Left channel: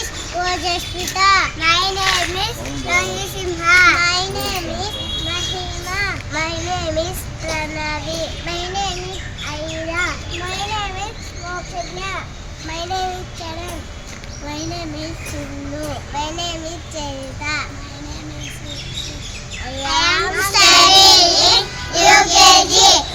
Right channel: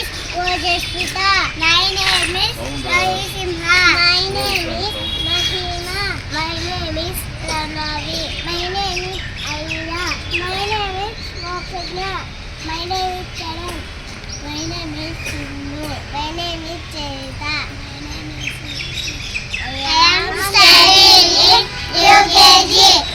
is Ojaswita. My name is Rahi Simha. My name is Mahima. My name is Pranavi. My name is Aira. My name is Mokshanya. My name is Charan. My name is Sindhu. My name is Charita. My name is I am studying UKG.